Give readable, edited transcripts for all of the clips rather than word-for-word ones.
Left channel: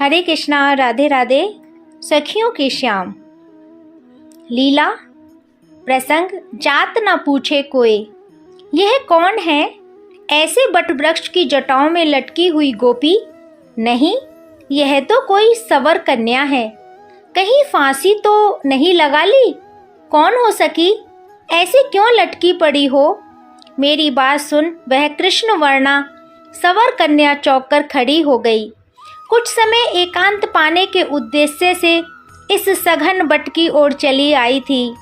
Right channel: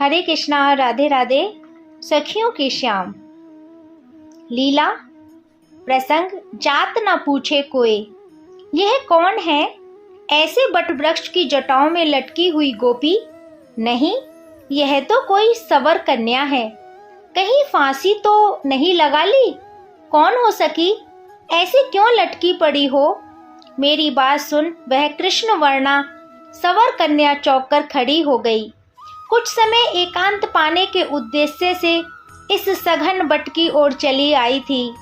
हरे कृष्णा, राधे राधे। सखियों की श्याम लीला प्रसंग। जात न पूछे कोई, यह कौन है ऐसे बट वृक्ष की जटाओं में लटकी हुई गोपी? नहीं, यह तो कोई सवर कन्या है। कहीं फांसी तो नहीं लगा ली? कौन हो सकी, ऐसे क्यों लटकी पड़ी हो? मेरी बात सुन। वह कृष्ण वर्णा सवर कन्या चौंक कर खड़ी हो गई। कुछ समय एकांत पाने के उद्देश्य से इस सघन बट की ओर चली आई थी।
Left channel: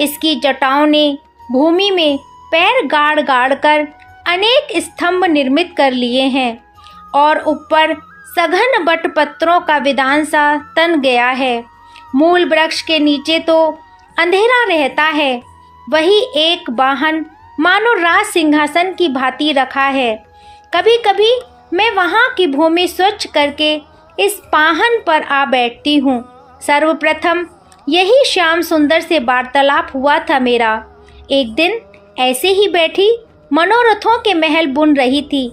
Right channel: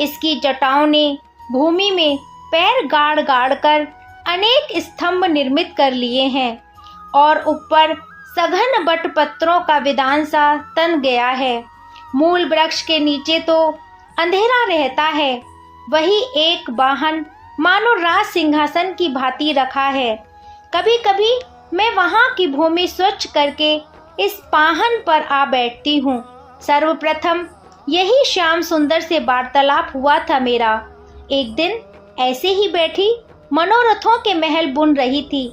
इसकी जटाओं ने भूमि में पैर गाड़ गाड़ कर अनेक स्तंभ निर्मित कर लिए हैं और ऊपर सघन बट पत्रों का विधान सा तन गया है। मूल वृक्ष के नीचे तो अंधेरा रहता है, वही एक वाहन मानो राज सिंहासन की भांति रखा है। कभी कभी मैं वहां की भूमि स्वच्छ करके इस पाहन पर आ बैठती हूँ। सर्वप्रथम यही श्याम सुंदर से वार्तालाप हुआ था मेरा। एक दिन ऐसे ही बैठी मनोरथों के महल बुन रही थी।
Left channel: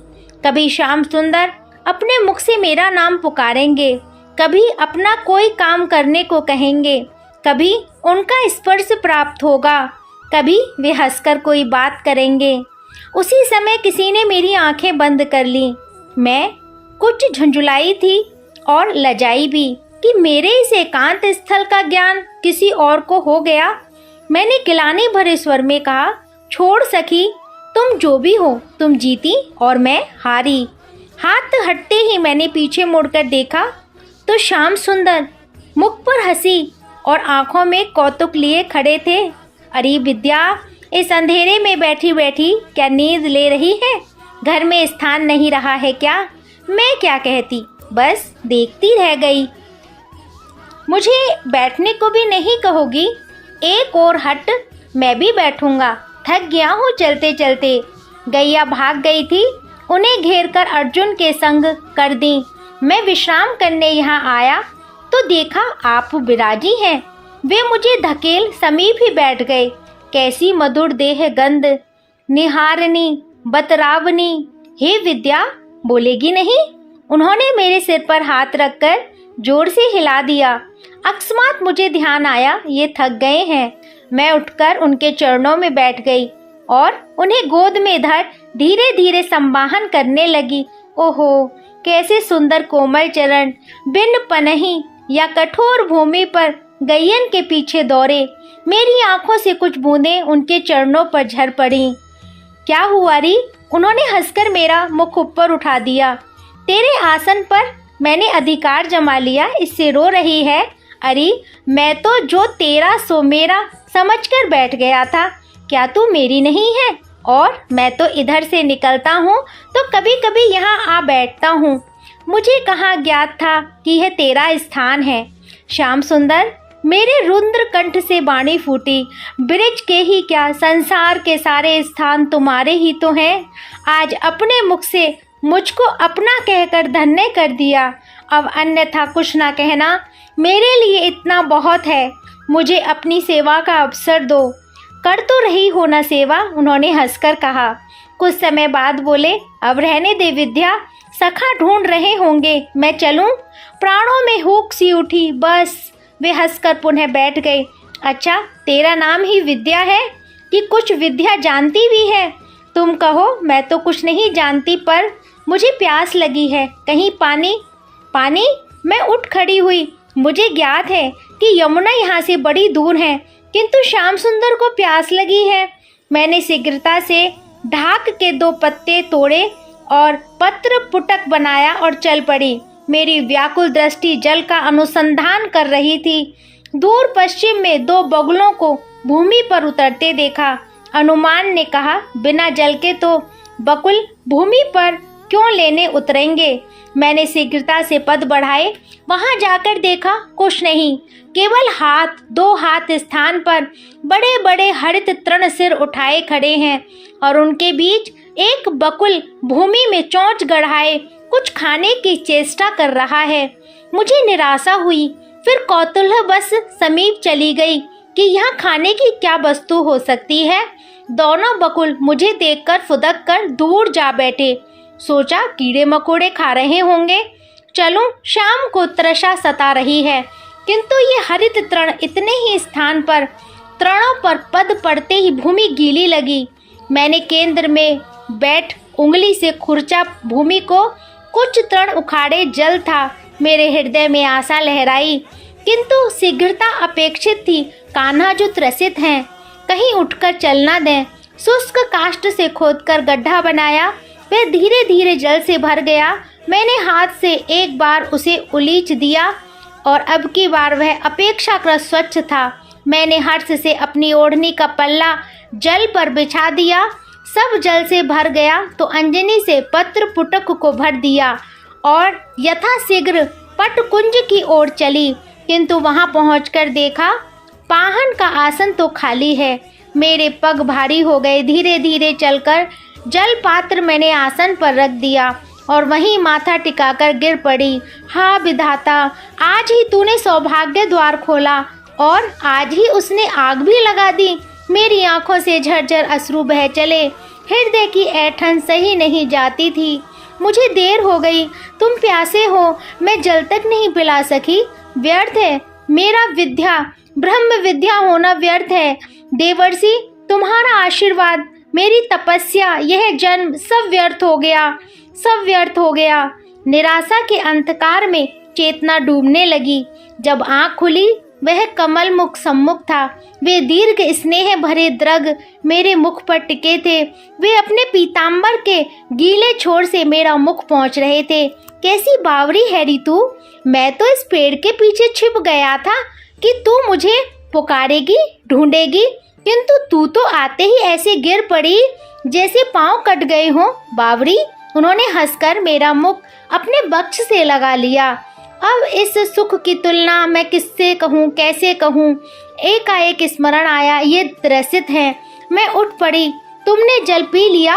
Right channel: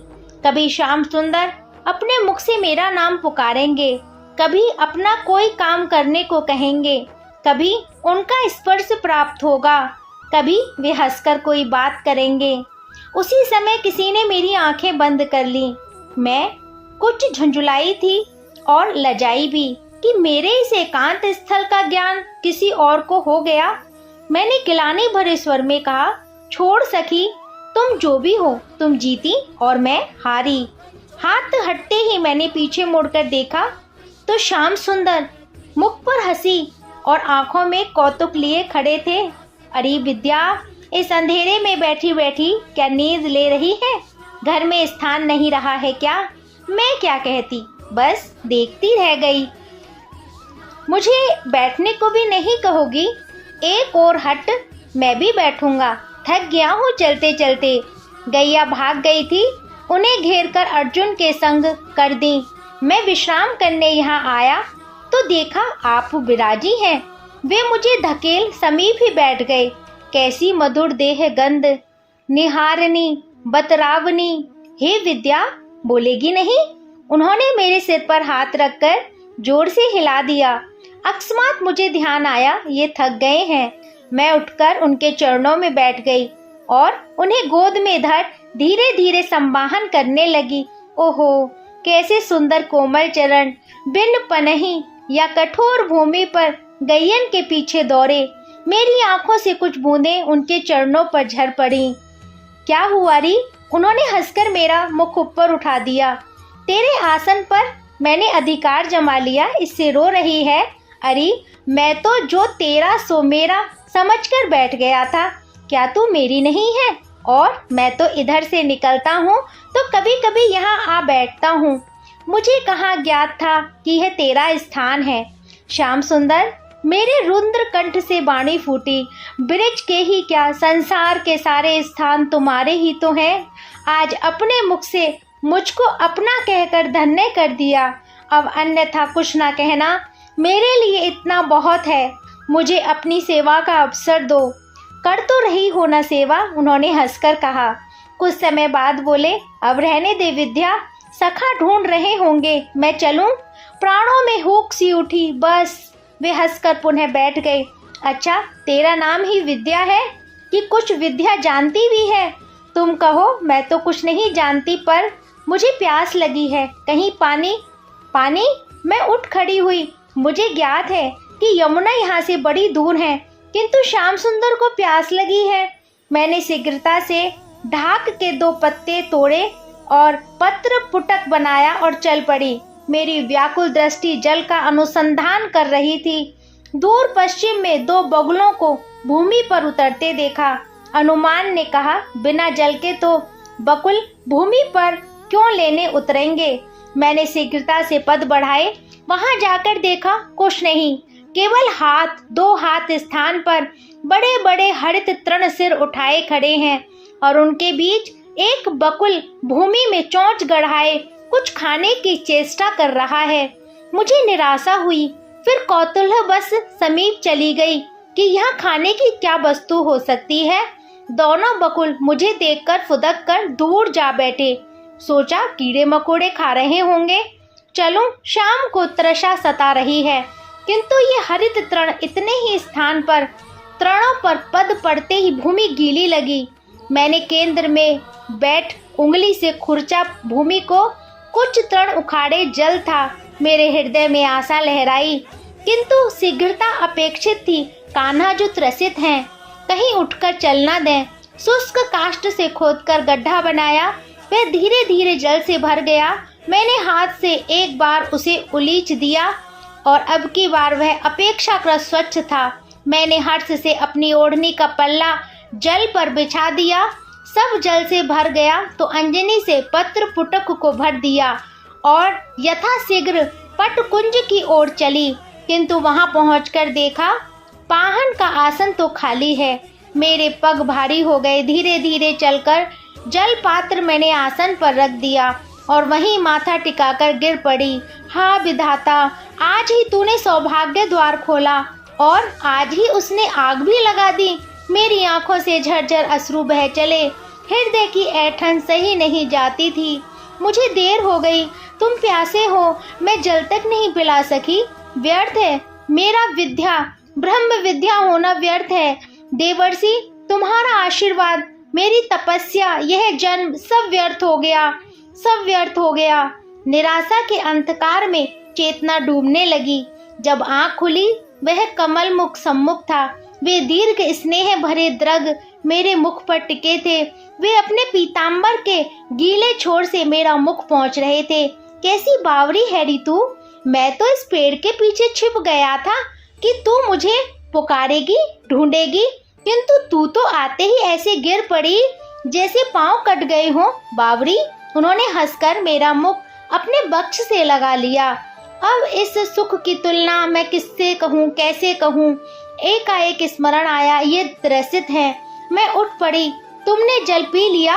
कभी श्याम सुंदर अपने मुख से मेरा नाम पुकारेंगे, कभी अपना कोई काम करने को कहेंगे, कभी उनका स्पर्श प्राप्त होगा, कभी वे हंसकर कोई बात करेंगे। उसी समय किसी ने मेरी आंखें बंद कर ली। मैं कुछ झुंझुलाई थी और लजाई भी कि मेरे इस एकांत स्थल का ज्ञान किसी और को हो गया। मैंने गिलानी भरे स्वर में कहा, छोड़ सखी, तुम जो भी हो, तुम जीती और मैं हारी। हाथ हटते ही मैंने पीछे मुड़कर देखा तो श्याम सुंदर मुख पर हंसी और आंखों में कौतुक लिए खड़े थे। अरे विद्या, इस अंधेरे में बैठी बैठी क्या नींद ले रही है? घर में स्थान नहीं रहा है क्या? मैं क्या कहती, बस देखती रह गई। मुझे बैठने को भी नहीं कहोगी? एक और हट, मैं भी बैठूंगा। थक गया हूँ चलते चलते। गैया भाग गई थी, उन्हें घेर कर अर्जुन के संग कर दी। मैं विश्राम करने यहाँ आया तो देखा आप विराजी हैं। वे मुझे धकेल समीप ही बैठ गए। कैसी मधुर देह गंध, निहारनी बतरावनी। हे विद्या, बोलेगी नहीं? उन्होंने मेरे सिर पर हाथ रखकर जोर से हिला दिया। अकस्मात मुझे ध्यान आया ये थक गए हैं। मैं उठकर उनके चरणों में बैठ गई और उन्हें गोद में धर धीरे धीरे संवाहन करने लगी। ओहो, कैसे सुंदर कोमल चरण बिन पनही या कठोर भूमि पर गैयन के पीछे दौड़े। मेरी आंखों से कुछ बूंदें उनके चरणों पर झर पड़ी। क्या हुआ री? उन्होंने हंसकर मेरा मुख ऊपर उठा दिया। तेरे आसन पर मैंने अधिकार जमा लिया, इससे रो रही है? अरे मैं तो जो तेरा सो मेरा समझकर बैठ गया था। क्या तू मेरी नहीं है? और मैं तो इधर से निकलता हूँ तो कभी कभी यहाँ आ बैठता हूँ। मुझे कहाँ ज्ञात था कि यह तेरा स्थान है। श्याम सुंदर, मेरे रुद्र कंठ से वाणी फूटी। ब्रिज के ही क्या, संसार के सारे स्थान तुम्हारे ही तो हैं। आज अपने मुख से मुझको अपना कहकर धन्य कर दिया। अब अन्यथा कुछ ना कहना, मेरे लिए इतना बहुत है। मुझे अपनी सेवा का अवसर दो। कर तो रही हो ना सेवा? उन्होंने हंसकर कहा। कुछ समय बाद बोले, अब रहने दे विद्या, सखा ढूंढ रहे होंगे, मैं चलूं? प्राणों में हुक सी उठी। बस। वे हंसकर पुनः बैठ गए। अच्छा, तेरा नाम ही विद्या है कि कुछ विद्या जानती भी है? तुम कहो। मैं तो कुछ नहीं जानती, पर मुझे प्यास लगी है। कहीं पानी? पानी? मैं उठ खड़ी हुई। मुझे ज्ञात है कि यमुना यहाँ से बड़ी दूर है, किंतु श्याम सुंदर को प्यास लगी है। मैंने शीघ्रता से ढाक के 2 पत्ते तोड़े और पत्र पुटक बनाया और चल पड़ी। मेरी व्याकुल दृष्टि जल का अनुसंधान कर रही थी। दूर पश्चिम में 2 बगुलों को भूमि पर उतरते देखा। हनुमान ने कहा, बिना जल के तो बकुल भूमि पर क्यों लेने उतरेंगे? मैंने शीघ्रता से पद बढ़ाए। वहां जाकर देखा कुछ नहीं, केवल 2 हाथ स्थान पर बड़े बड़े हरित तृण सिर उठाए खड़े हैं और उनके बीच एक बकुल भूमि में चोंच गड़ाए कुछ खाने की चेष्टा कर रहा है। मुझे निराशा हुई, फिर कौतूहलवश समीप चली गई कि यहाँ खाने की क्या वस्तु हो सकती है। दोनों बकुल मुझे देखकर फुदक कर दूर जा बैठे। सोचा कीड़े मकोड़े खा रहे होंगे। चलूं, शाम को तृषा सता रही है। किंतु ये हरित तृण इतने ही स्थान पर तृणों पर पद पड़ते ही भूमि गीली लगी। मैंने केंद्र में बैठ उंगली से खुरचा भूमि को, कुछ तृण उखाड़े। जल था, मेरे हृदय में आशा लहराई, किंतु शीघ्रता अपेक्षित थी। कान्हा जो त्रसित हैं, कहीं उठकर चलना दें। शुष्क काष्ठ से खोदकर गड्ढा बनाया, वह धीरे धीरे जल से भर गया। मैंने हाथ से एक बार उसे उलीच दिया और अब की बार वह अपेक्षाकृत स्वच्छ था। मैंने हर्ष से अपनी ओढ़नी का पल्ला जल पर बिछा दिया, सब जल से भर गया तो अंजनी से पत्र पुटक को भर दिया और यथाशीघ्र पटकुंज की ओर चली। किंतु वहां पहुंचकर देखा पाहन का आसन तो खाली है। मेरे पग भारी हो गए। धीरे धीरे चलकर जल पात्र मैंने आसन पर रख दिया और वहीं माथा टिकाकर गिर पड़ी। हाँ विधाता, आज ही तूने सौभाग्य द्वार खोला और आज ही उसने आग भी लगा दी। मेरी आंखों से झरझर अश्रु बह चले। हृदय की ऐंठन सही नहीं जाती थी। मुझे देर हो गई, तुम प्यासे हो, मैं जल तक नहीं पिला सकी। व्यर्थ है मेरा विद्या, ब्रह्म विद्या होना व्यर्थ है। देवर्षि, तुम्हारा आशीर्वाद, मेरी तपस्या, यह जन्म सब व्यर्थ हो गया, सब व्यर्थ हो गया। निराशा के अंधकार में चेतना डूबने लगी। जब आंख खुली वह कमल मुख सम्मुख था। वे दीर्घ स्नेह भरे द्रग मेरे मुख पर टिके थे। वे अपने पीतांबर के गीले छोर से मेरा मुख पहुंच रहे थे। कैसी बावरी है री तू। मैं तो इस पेड़ के पीछे छिप गया था कि तू मुझे पुकारेगी, ढूंढेगी, किंतु तू तो आते ही ऐसे गिर पड़ी जैसे पांव कट गए हों। बावरी। उन्होंने हंसकर मेरा मुख अपने वक्ष से लगा लिया। अब इस सुख की तुलना मैं किससे कहूँ, कैसे कहूँ। एकाएक स्मरण आया, ये त्रसित है। मैं उठ पड़ी। तुमने जल पी लिया?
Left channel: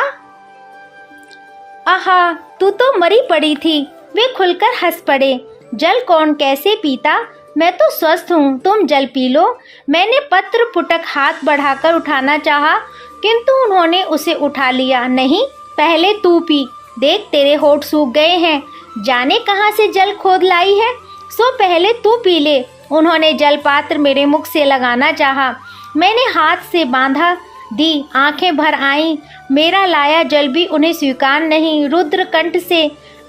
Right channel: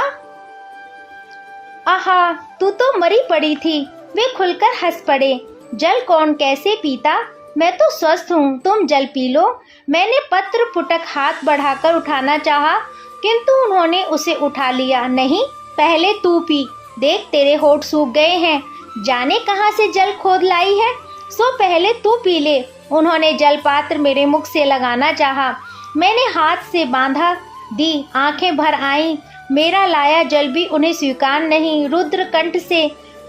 आहा, तू तो मरी पड़ी थी। वे खुलकर हंस पड़े। जल कौन कैसे पीता, मैं तो स्वस्थ हूँ, तुम जल पी लो। मैंने पत्र पुटक हाथ बढ़ाकर उठाना चाहा, किंतु उन्होंने उसे उठा लिया। नहीं, पहले तू पी, देख तेरे होठ सूख गए हैं, जाने कहाँ से जल खोद लाई है, सो पहले तू पी ले। उन्होंने जल पात्र मेरे मुख से लगाना चाहा, मैंने हाथ से बांधा दी। आंखें भर आईं, मेरा लाया जल भी उन्हें स्वीकार नहीं। रुद्र कंठ से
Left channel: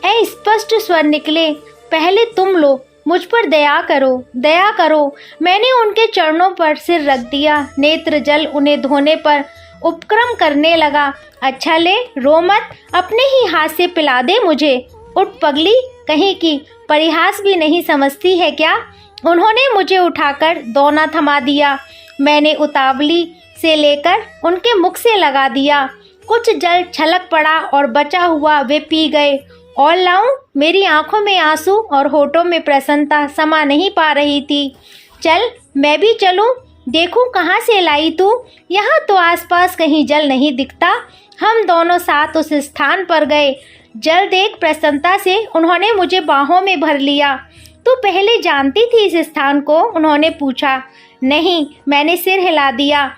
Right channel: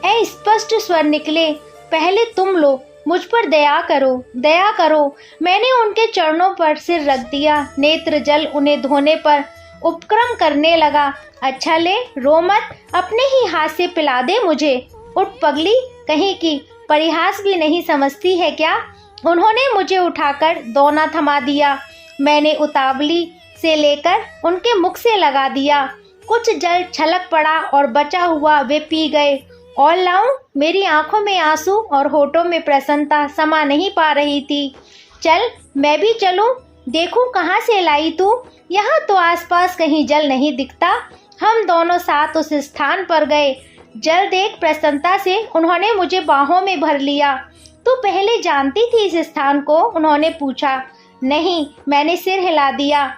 अस्पष्ट स्वर निकले, पहले तुम लो, मुझ पर दया करो, दया करो। मैंने उनके चरणों पर सिर रख दिया। नेत्र जल उन्हें धोने पर उपक्रम करने लगा। अच्छा ले, रो मत, अपने ही हाथ से पिला दे मुझे। उठ पगली, कहीं की परिहास भी नहीं समझती है क्या। उन्होंने मुझे उठाकर दोना थमा दिया। मैंने उतावली से लेकर उनके मुख से लगा दिया। कुछ जल छलक पड़ा और बचा हुआ वे पी गए। और लाऊं? मेरी आंखों में आंसू और होठों में प्रसन्नता समा नहीं पा रही थी। चल, मैं भी चलूं, देखूं कहाँ से लाई तू। यहाँ तो आसपास कहीं जल नहीं दिखता। हम दोनों साथ उस स्थान पर गए। जल देख प्रसन्नता से उन्होंने मुझे बाहों में भर लिया। तू पहले जानती थी इस स्थान को? उन्होंने पूछा। नहीं, मैंने सिर हिला दिया।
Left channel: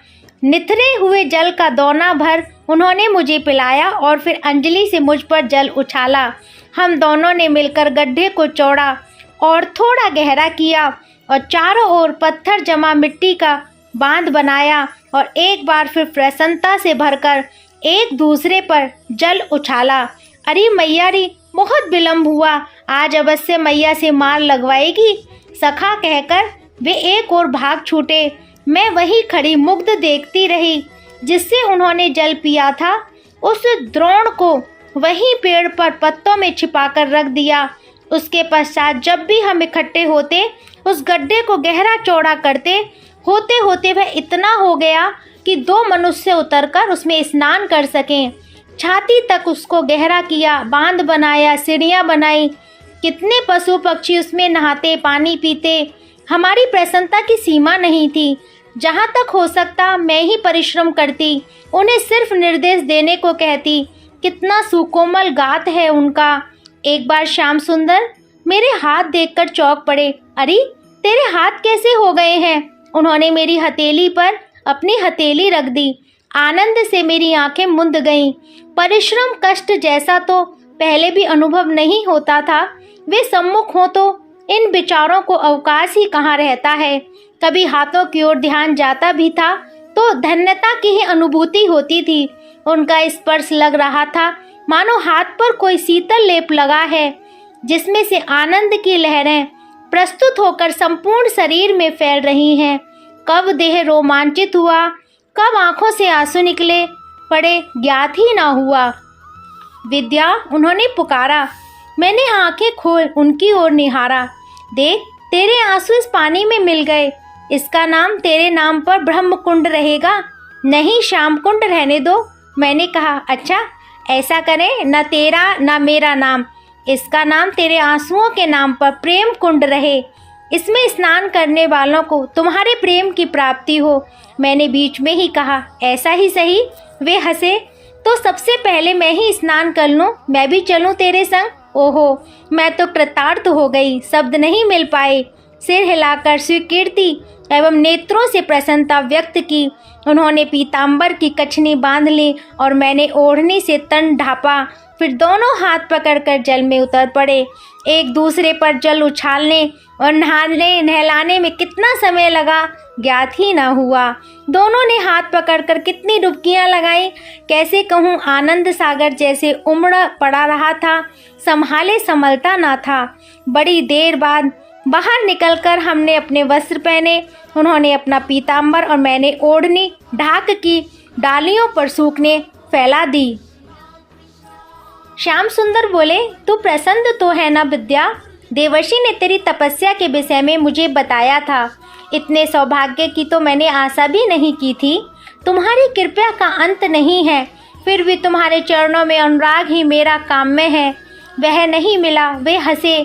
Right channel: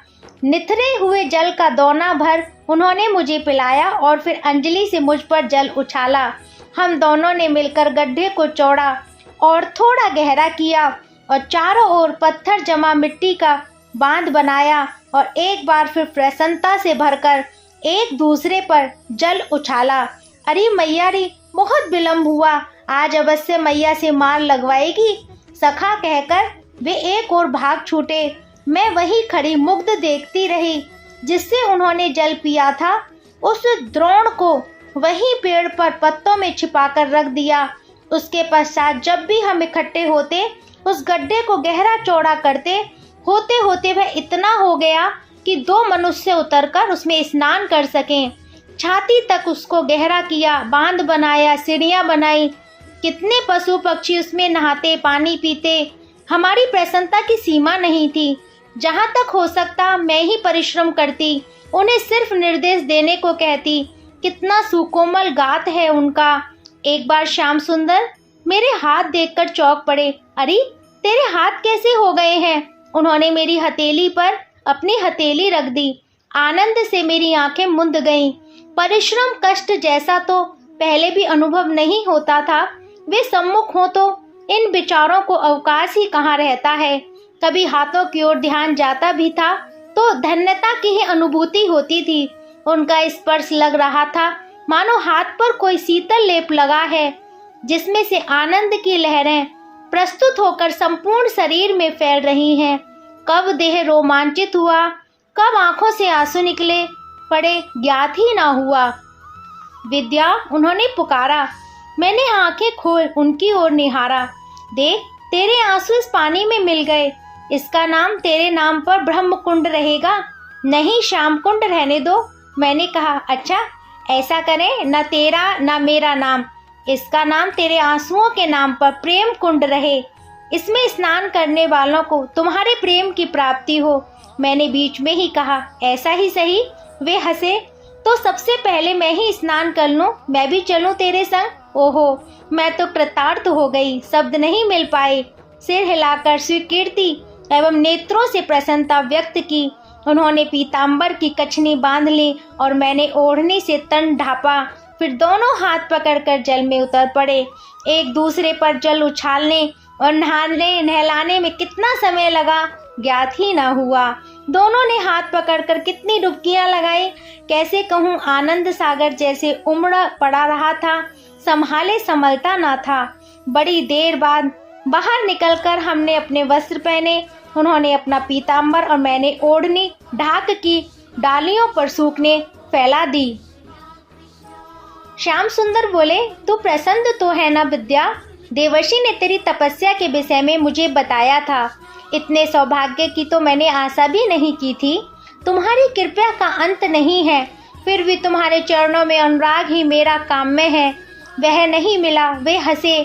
निथरे हुए जल का दोना भर उन्होंने मुझे पिलाया और फिर अंजलि से मुझ पर जल उछाला। हम दोनों ने मिलकर गड्ढे को चौड़ा और थोड़ा गहरा किया और चारों ओर पत्थर जमा मिट्टी का बांध बनाया और एक बार फिर प्रसन्नता से भरकर एक दूसरे पर जल उछाला। अरे मैया रे, बहुत विलम्ब हुआ, आज अवश्य मैया से मार लगवाएगी, सखा कहकर वे एक और भाग छूटे। मैं वही खड़ी मुग्ध देखती रही जिससे उन्होंने जल पिया था। उस द्रोण को वही पेड़ पर पत्तों में छिपाकर रख दिया। उसके पश्चात जब भी हम इकट्ठे होते उस गड्ढे को गहरा चौड़ा करते। होते होते वह इतना हो गया कि 2 मनुष्य उतरकर उसमें स्नान कर सकें। छाती तक उसको गहरा किया, बांध बनाया, सीढ़ियां बनाई। कितने पशु पक्षी उसमें नहाते, पानी पीते। हमारी प्रसन्नता की सीमा नहीं थी। जहाँ तक हो सकता मैं ही परिश्रम करती, उन्हें सिर्फ निर्देश देने को कहती। कितना सुकोमल गात है उनका। एक बार श्याम सुंदर मेरे हाथ देखकर चौंक पड़े। अरे, तेरे हाथ कैसे हो गए हैं? उन्होंने मेरी हथेली पर अपनी हथेली रख दी। आनंद से मेरी आंखें मुंद गईं। परिश्रम कष्ट जैसा तो पहले भी अनुभव नहीं होता था। वे सम्मुख हों तो इन विचारों को अवकाश ही कहाँ रहता है। कभी हाथों की ओर ध्यान जाता भी था तो धन्यता की ही अनुभूति होती थी। उनका स्पर्श लग रहा था मानो हाथ पर कोई शीतल लेप लगा है, जिसमें से आनंद की लहरें प्रस्तुत होकर संपूर्ण शरीर में फैल रही हैं। कब देह रोमांचित हुआ, कब आंखों से आंसू निकले पड़े, ज्ञात ही ना हुआ। विद्या, उन्होंने पुकारा। मैंने आंखें खोल उनकी ओर निहारा। देख, तेरे आंसू इस पानी में मिल गए। इसका नाम तेरे नाम पर ब्रह्म कुंड रहेगा, नहीं श्याम कुंड रहने दो। मैंने कहा, अच्छा ऐसा करें, न तेरा न मेरा नाम, इसका नाम तेरे आंसुओं के नाम पर प्रेम कुंड रहे। इसमें स्नान करने वालों को तुम्हारे प्रेम की प्राप्ति हो। मैंने बीच में ही कहा, ऐसा ही सही। वे हंसे। तो सबसे पहले मैं ही स्नान कर लूं, मैं भी चलूं तेरे संग। ओहो, मैं तो कृतार्थ हो गई, शब्द नहीं मिल पाए। सिर हिलाकर स्वीकृति एवं नेत्रों से प्रसन्नता व्यक्त की। उन्होंने पीतांबर की कछनी बांध ली और मैंने ओढ़नी से तन ढापा। फिर दोनों हाथ पकड़कर जल में उतर पड़े। एक दूसरे पर जल उछालने और नहाने नहलाने में कितना समय लगा, ज्ञात ही ना हुआ। दोनों ने हाथ पकड़कर कितनी डुबकियां लगाई, कैसे कहूँ, आनंद सागर जैसे उमड़ पड़ा रहा था, संभाले संभलता ना था। बड़ी देर बाद बाहर निकलकर हमने अपने वस्त्र पहने। उन्होंने अपना पीतांबर और मैंने ओढ़नी ढाक की डालियों पर सूखने फैला दी। श्याम सुंदर बोले, तू प्रसन्न तो है ना विद्या? देवर्षि ने तेरी तपस्या के विषय में मुझे बताया था। इतने सौभाग्य की तो मैंने आशा भी नहीं की थी। तुम्हारी कृपा का अंत नहीं है, फिर भी तुम्हारे चरणों में अनुराग ही मेरा काम्य है। वह नहीं मिला। वे हंसे।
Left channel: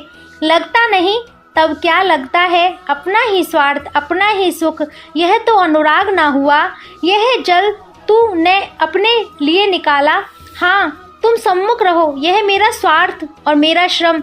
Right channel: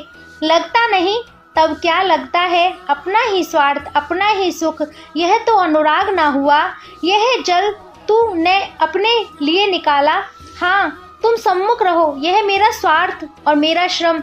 लगता नहीं, तब क्या लगता है? अपना ही स्वार्थ, अपना ही सुख, यह तो अनुराग ना हुआ। यह जल तूने अपने लिए निकाला। हाँ, तुम सम्मुख रहो, यह मेरा स्वार्थ और मेरा श्रम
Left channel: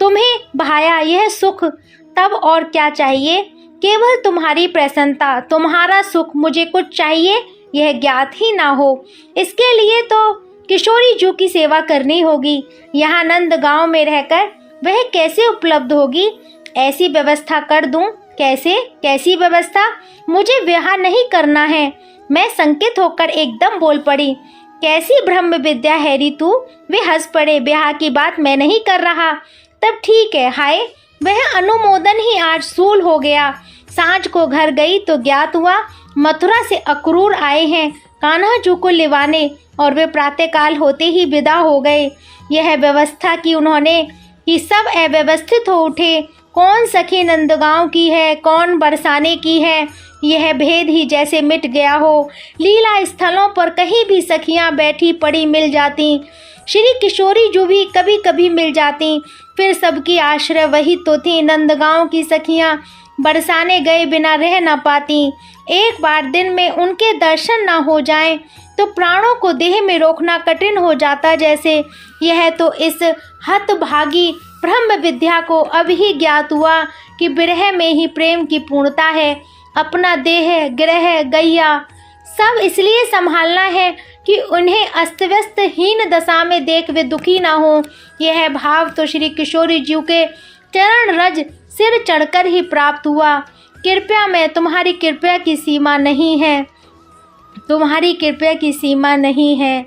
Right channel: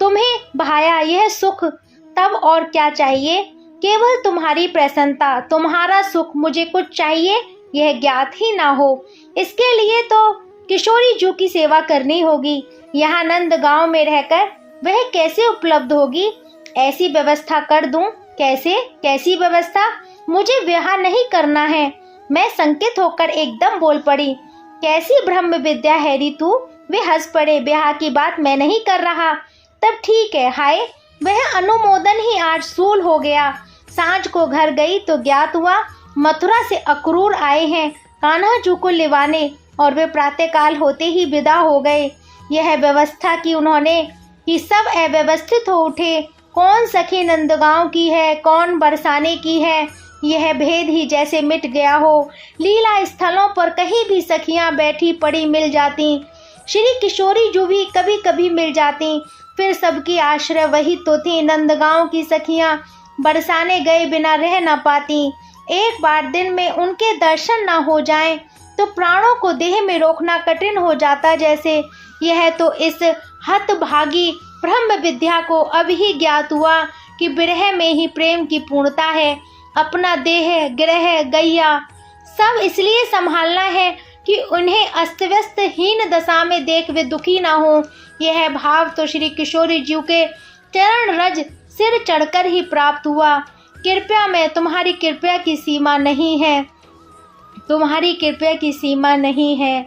तुम्हें भाया, यह सुख। तब और क्या चाहिए? केवल तुम्हारी प्रसन्नता, तुम्हारा सुख। मुझे कुछ चाहिए यह ज्ञात ही ना हो। इसके लिए तो किशोरी जू की सेवा करनी होगी। यहाँ नंद गांव में रहकर वह कैसे उपलब्ध होगी? ऐसी व्यवस्था कर दूं? कैसे? कैसी व्यवस्था? मुझे विवाह नहीं करना है। मैं संकित होकर एकदम बोल पड़ी। कैसी ब्रह्म विद्या है री तू? वे हंस पड़े। ब्याह की बात मैं नहीं कर रहा। तब ठीक है। हाय, वह अनुमोदन ही आज सूल हो गया। सांझ को घर गई तो ज्ञात हुआ मथुरा से अक्रूर आए हैं कान्हा जू को लिवाने, और वे प्रातःकाल होते ही विदा हो गए। यह व्यवस्था की उन्होंने कि सब अव्यवस्थित हो उठे। कौन सखी नंदगांव की है, कौन बरसाने की है, यह भेद ही जैसे मिट गया हो। लीला स्थलों पर कहीं भी सखियां बैठी पड़ी मिल जाती। श्री किशोरी जू भी कभी कभी मिल जाती। फिर सबकी आश्रय वही तो थी। नंदगांव की सखियां बरसाने गए बिना रह न पाती। एक बार दिन में उनके दर्शन न हो जाएं तो प्राणों को देह में रोकना कठिन हो जाता जैसे। यह तो इस हतभागी ब्रह्म विद्या को अब ही ज्ञात हुआ कि विरह में ही प्रेम की पूर्णता है। अपना देह, ग्रह, गैया सब इसलिए संभालना है कि उन्हें अस्त व्यस्त हीन दशा में देख वे दुखी ना हो। यह भाव तो श्री किशोरी जी के चरण रज सिर चढ़कर ही प्राप्त हुआ। कृपया में तुम्हारी कृपया की सीमा नहीं है, तुम्हारी कृपया की सीमा नहीं है।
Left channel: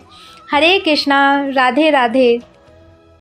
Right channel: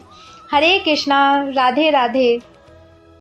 हरे कृष्णा, राधे राधे।